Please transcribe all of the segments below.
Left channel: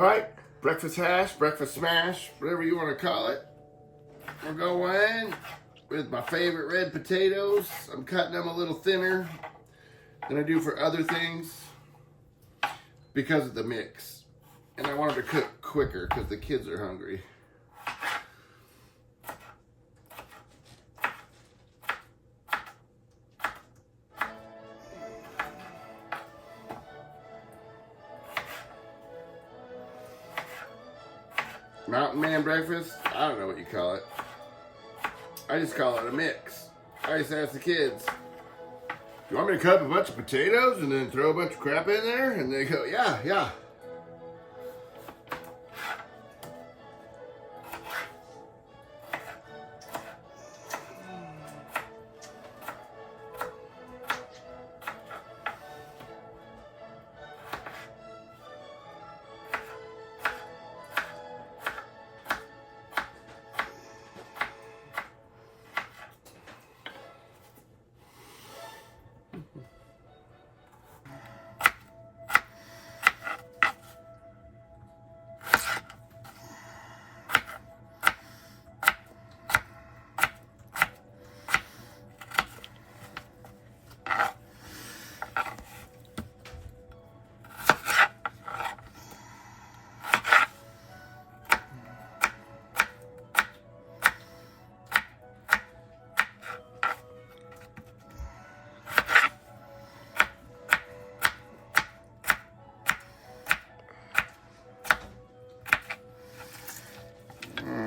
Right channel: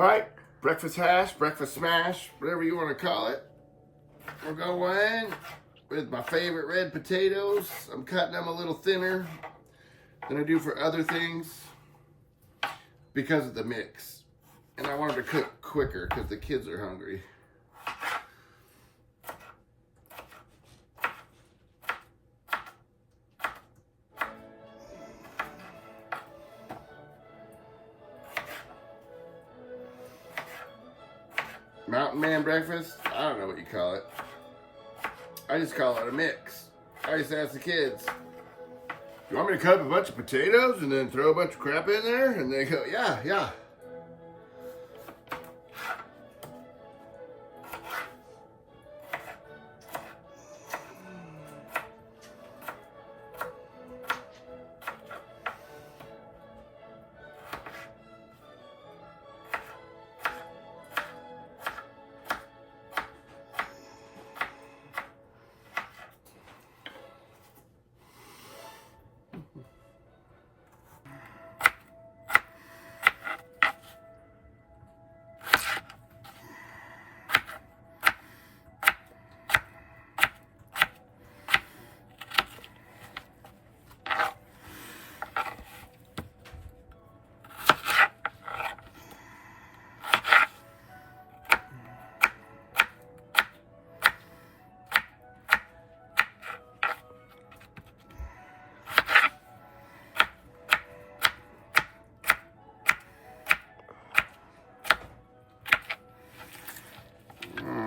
All right, breakfast hash, breakfast smash, whatever you want to call it. We're going with my favorite red potatoes. I'm cutting them a little thinner than I do for other things because of the mix. And I wanted to cook quicker because the kids are hungry. Mountain Man breakfast, I don't know what you call it. I just call it a mix. I used to ask the kids, you want me to cut up a bunch of potatoes and then throw a bunch of crap in there? And they go, yeah.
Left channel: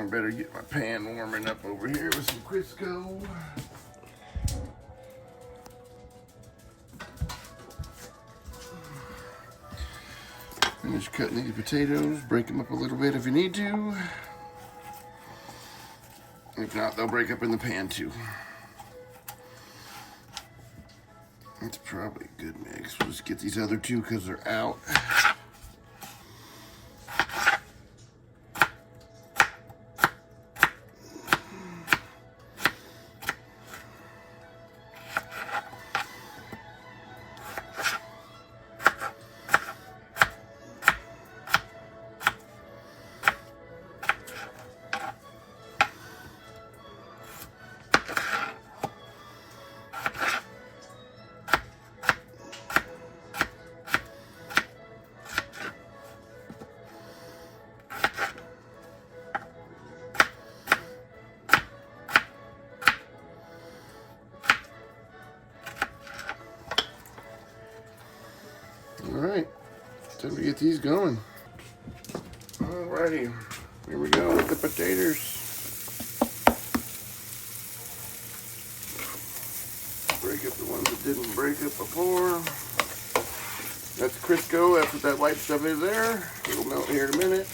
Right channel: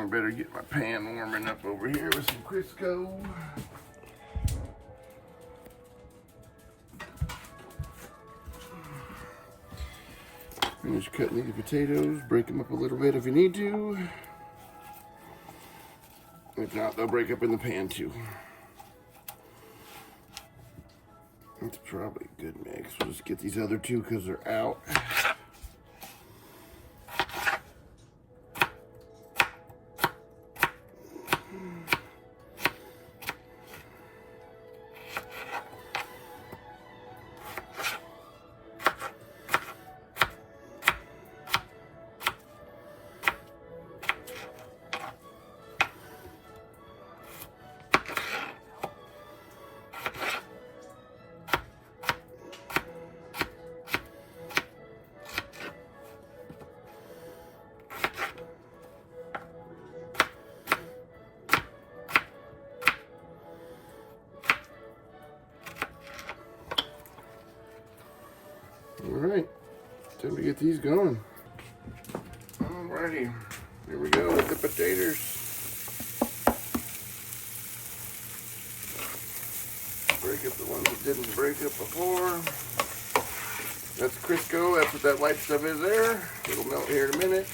Better get my pan warming up over here with some Crisco. Finish cutting these potatoes. Break them up a little bit if you need to. If not, they'll break up in the pan too. That's probably a good mix. We'll just get these other two because they're out. All right, time to get these going. Alrighty, here we go with the potatoes. Break up the ones that didn't break up before. That's Crisco. That's what that white stuff is there. It'll melt here in a minute.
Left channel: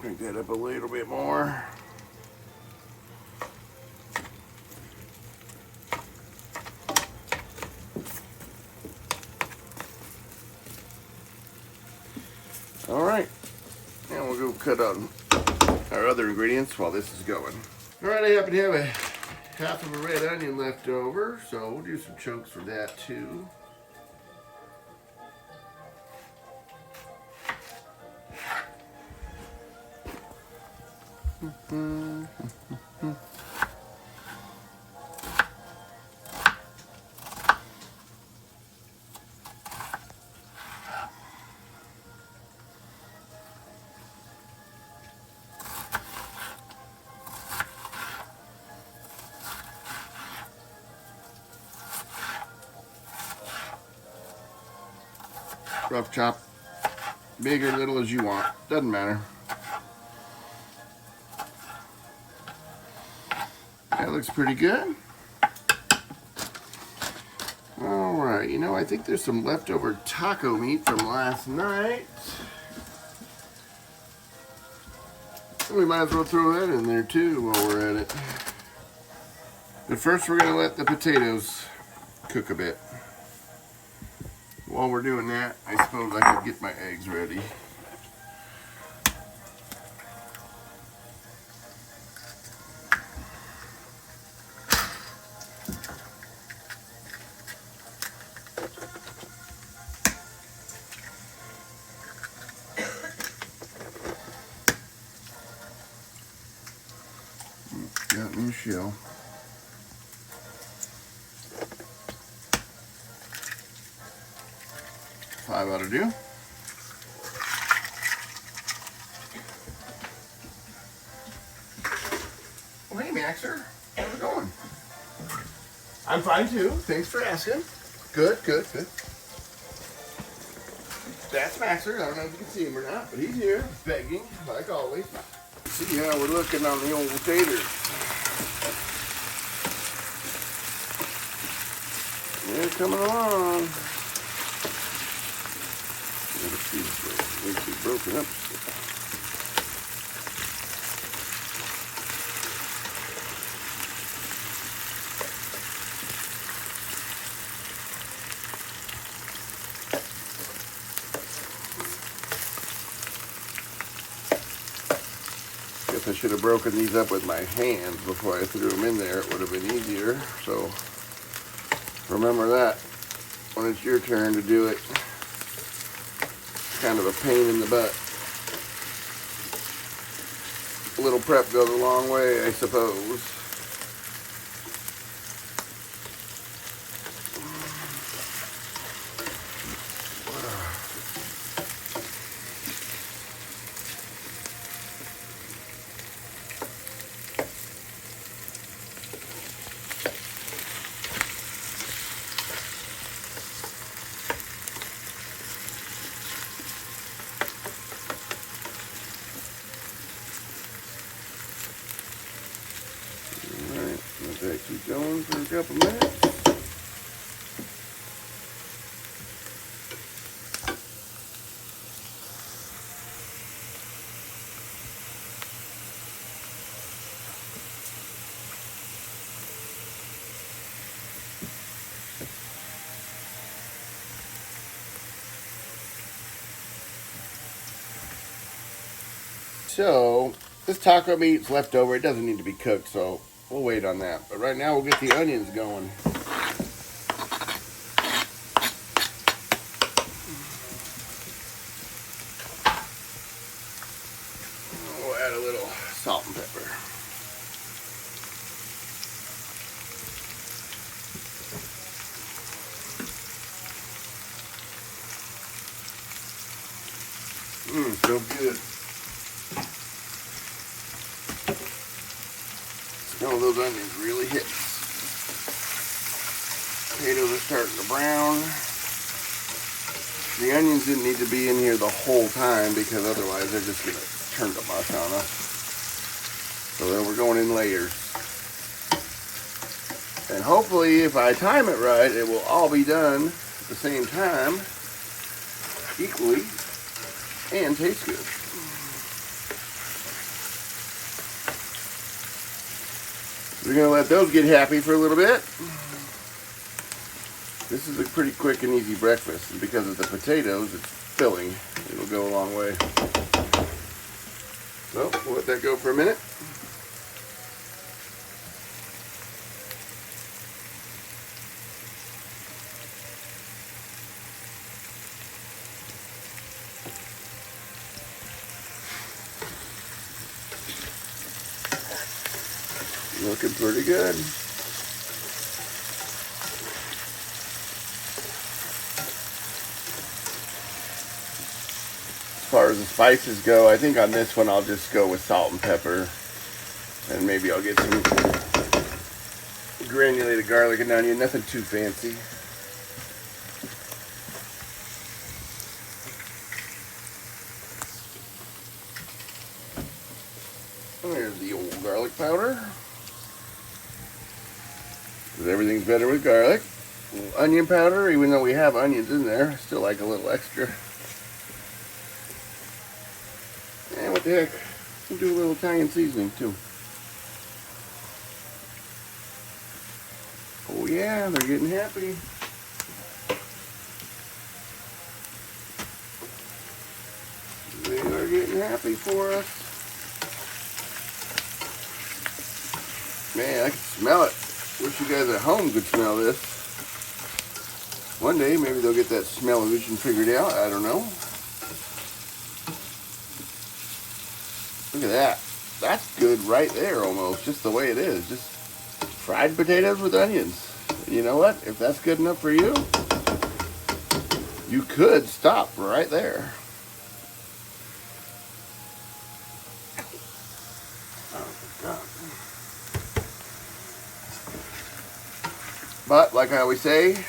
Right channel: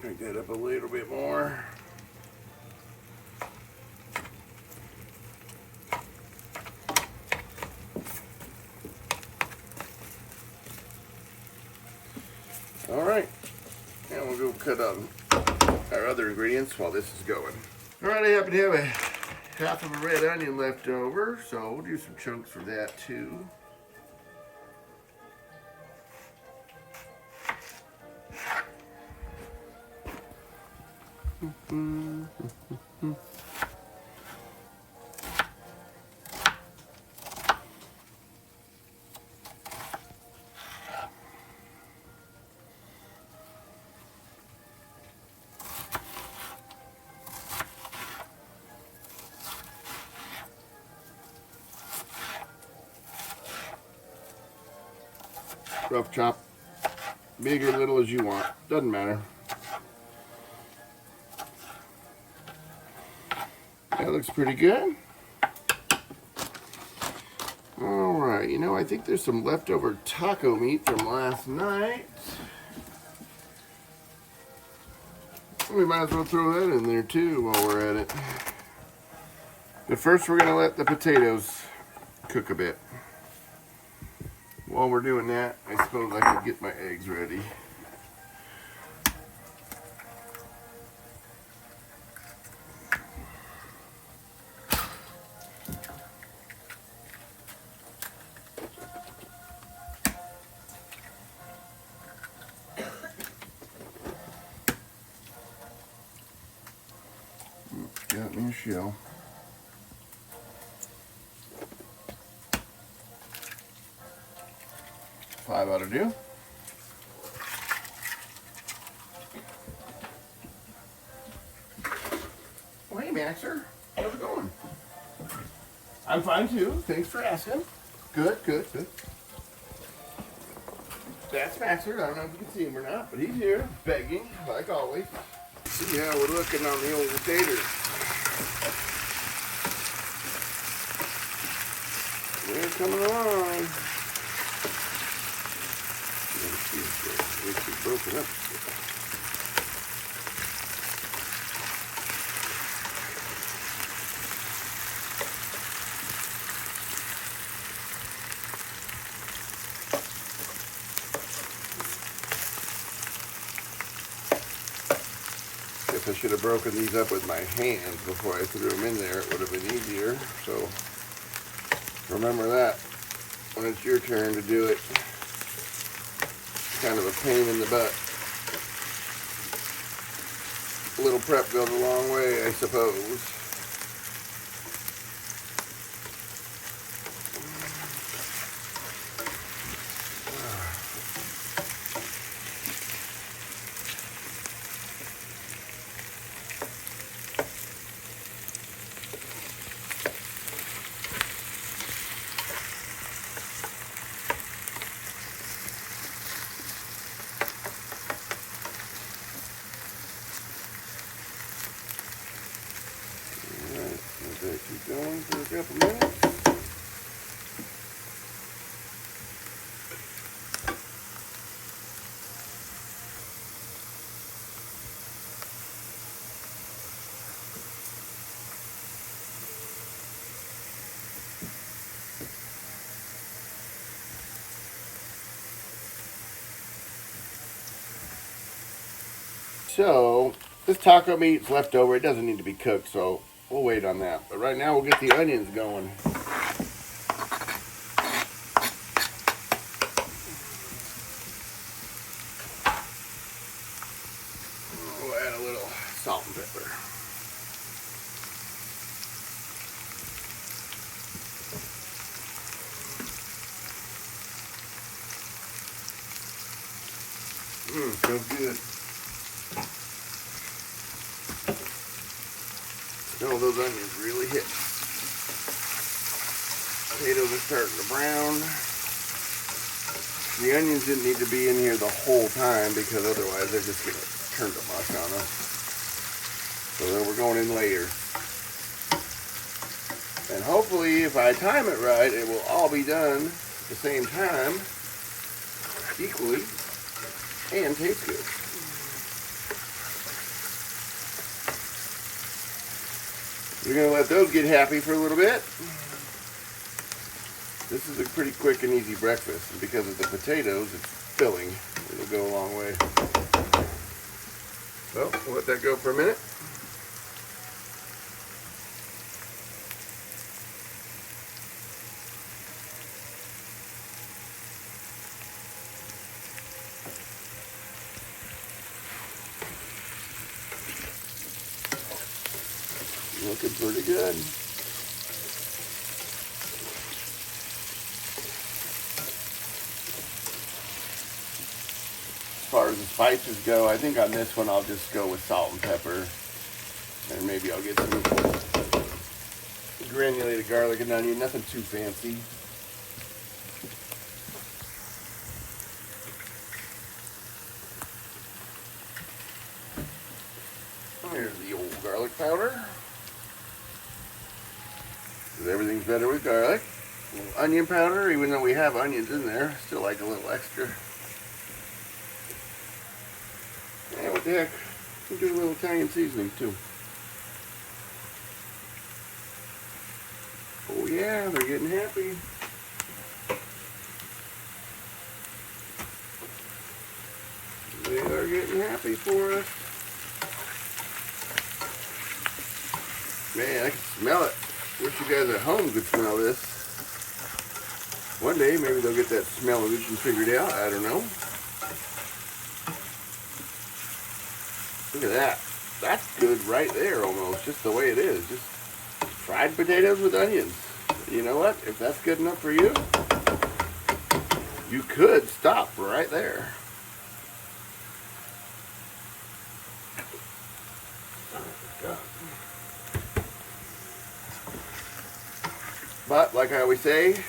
Crank that up a little bit more. All right, and we'll go cut on our other ingredients while this is going. All right, I happen to have a half of a red onion left over, so we'll do some chunks for that too. Rough chop, big or little as you want, doesn't matter. That looks pretty good. All right, you know, I think there's some leftover taco meat from last night. We might as well throw that in there too while we're at it. But first we're gonna let the potatoes cook a bit. While we're doing that, I suppose I could get my eggs ready. shell. Five ought to do. Well, hey, Maxer. How's it going? I'm fine, too. Thanks for asking. Good, good, good. That's Maxer. I don't know if you can see him or not, but he's here, begging, like always. See how we're looking on the old potatoes. They're coming along. Let's see if it makes it broken up. I should have broken these up with my hand before I threw them in there. It would have been easier. So remember that when it's your turn to do it. It's kind of a pain in the butt. A little prep goes a long way, I suppose. Keep going for a couple minutes. So this taco meat's left over. It doesn't need to be cooked, so we'll wait on that. But right now we'll get the onions going. We'll add a little salt and pepper. So good. Oh, those onions really hit. Potatoes are starting to brown. The onions didn't need to be in here the whole time because otherwise they're just going to turn to mush on us. So we're going in layers. And hopefully if I time it right, it will all be done at the same time, equally, and taste good. We're going to let those get happy for a little bit. This is a pretty quick and easy breakfast. And because of the potatoes, it's filling. It'll go a long way. So, we'll let that go for a minute. Looking pretty good. As far as the spices go, I think on this one I'll just go with salt and pepper. And maybe I'll get some granulated garlic and onion, nothing too fancy. There's the old garlic powder. Everything's better with garlic. Onion powder, even though we have onions in there, still like a little extra. And what the heck, we'll do a little Italian seasoning too. Oh yeah, they're getting happy. They are getting happy for us. Man, I can smell it. Wish you guys at home could smell this. One day, maybe they'll get that smell-o-vision figured out. I don't know. Look at that. That's good right there almost, just the way it is. Just fried potatoes with onions. You know what? If that's good enough for you, you could stop right there. But like I always say,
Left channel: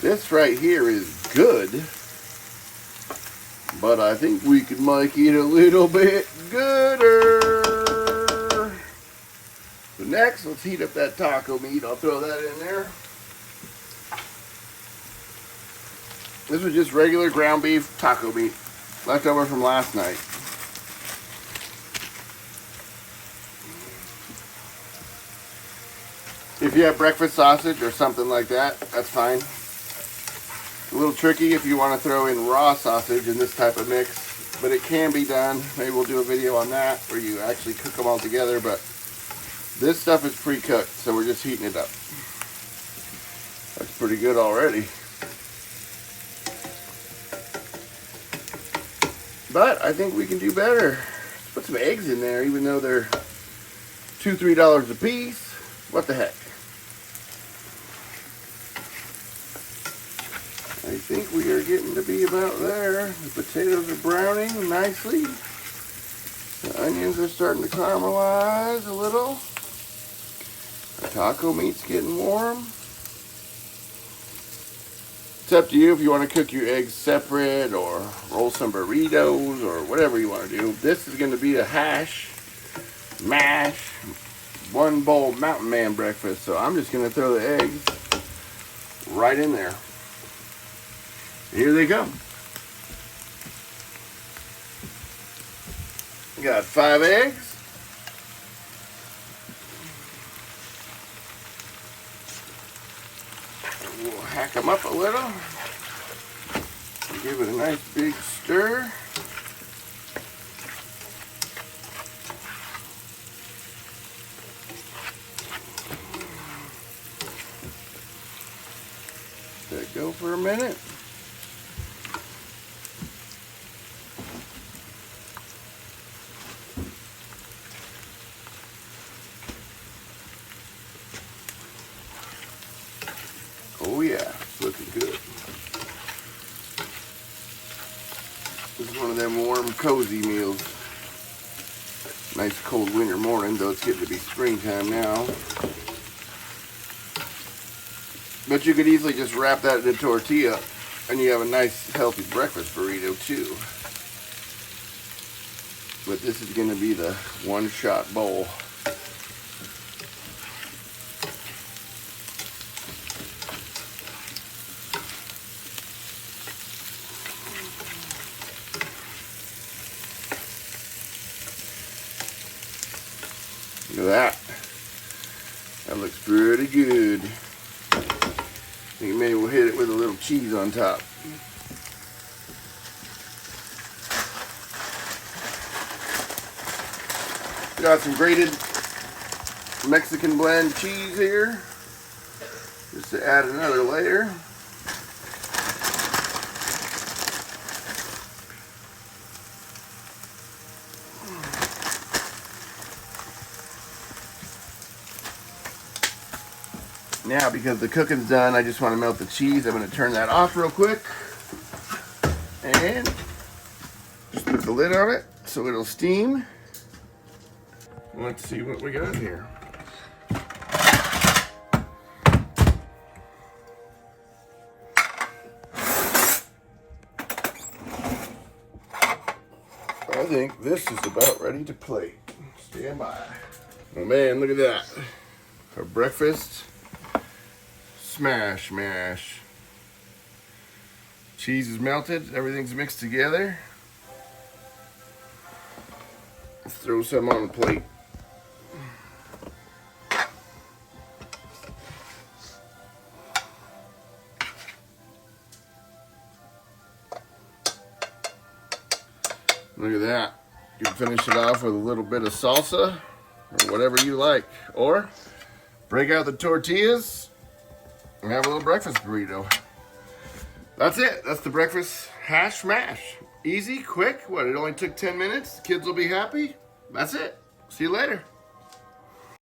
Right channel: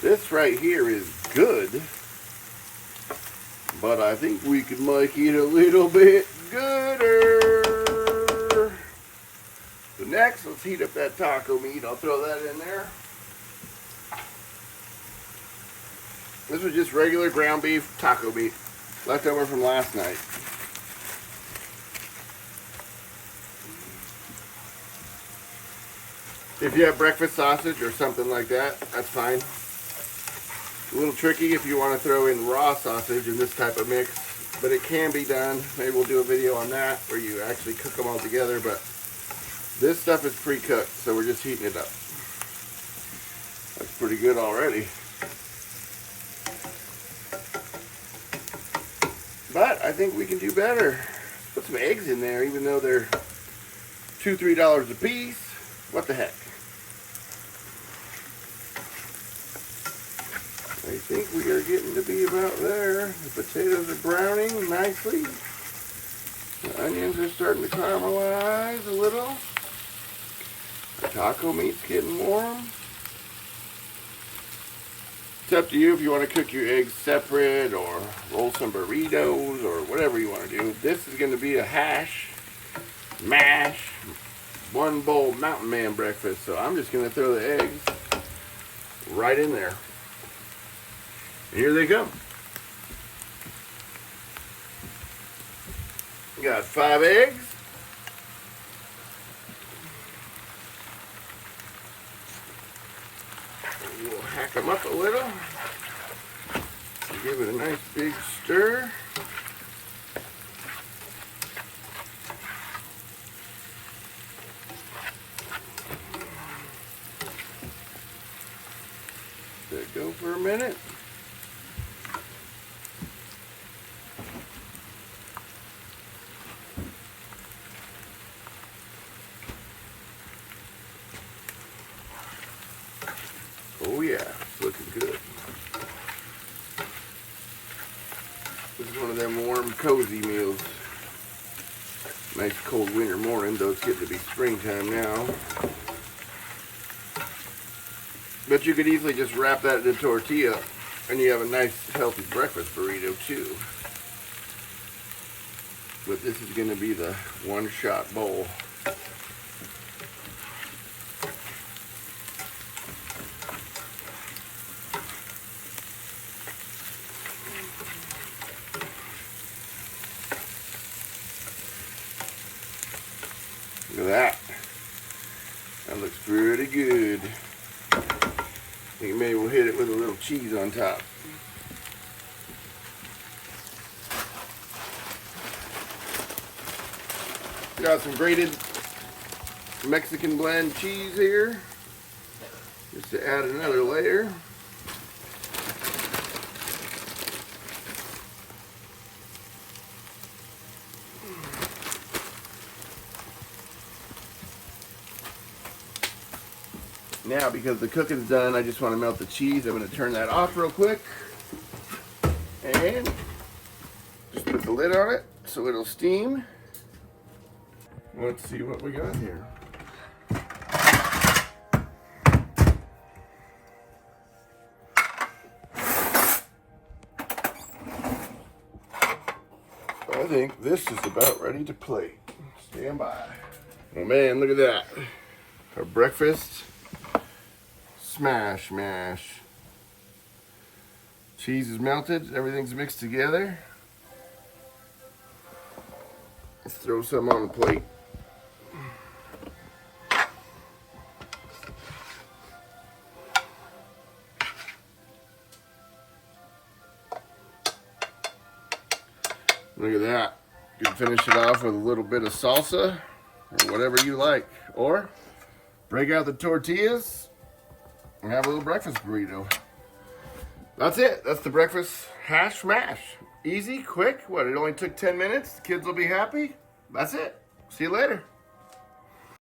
this right here is good, but I think we could make it a little bit gooder. So next, let's heat up that taco meat. I'll throw that in there. This was just regular ground beef taco meat, left over from last night. If you have breakfast sausage or something like that, that's fine. A little tricky if you want to throw in raw sausage in this type of mix, but it can be done. Maybe we'll do a video on that where you actually cook them all together, but this stuff is pre-cooked, so we're just heating it up. That's pretty good already. But I think we can do better. Put some eggs in there, even though they're $2, $3 a piece. What the heck? I think we are getting to be about there. The potatoes are browning nicely. The onions are starting to caramelize a little. The taco meat's getting warm. It's up to you if you want to cook your eggs separate or roll some burritos or whatever you want to do. This is going to be a hash, mash, one bowl Mountain Man breakfast. So I'm just going to throw the eggs right in there. Here they come. Got 5 eggs. We'll hack them up a little. Give it a nice big stir. Let it go for a minute. Oh yeah, it's looking good. This is one of them warm, cozy meals. Nice cold winter morning, though it's getting to be springtime now. But you could easily just wrap that in a tortilla and you have a nice healthy breakfast burrito too. But this is going to be the one-shot bowl. Look at that. That looks pretty good. I think maybe we'll hit it with a little cheese on top. Got some grated Mexican blend cheese here, just to add another layer. Now, because the cooking's done, I just want to melt the cheese. I'm going to turn that off real quick. And just put the lid on it so it'll steam. Let's see what we got here. I think this is about ready to plate. Stand by. Oh man, look at that. Our breakfast smash mash. Cheese is melted, everything's mixed together. Let's throw some on the plate. Look at that. You can finish it off with a little bit of salsa or whatever you like. Or break out the tortillas and have a little breakfast burrito. That's it. That's the breakfast hash mash. Easy, quick. What, it only took 10 minutes? The kids will be happy. That's it. See you later.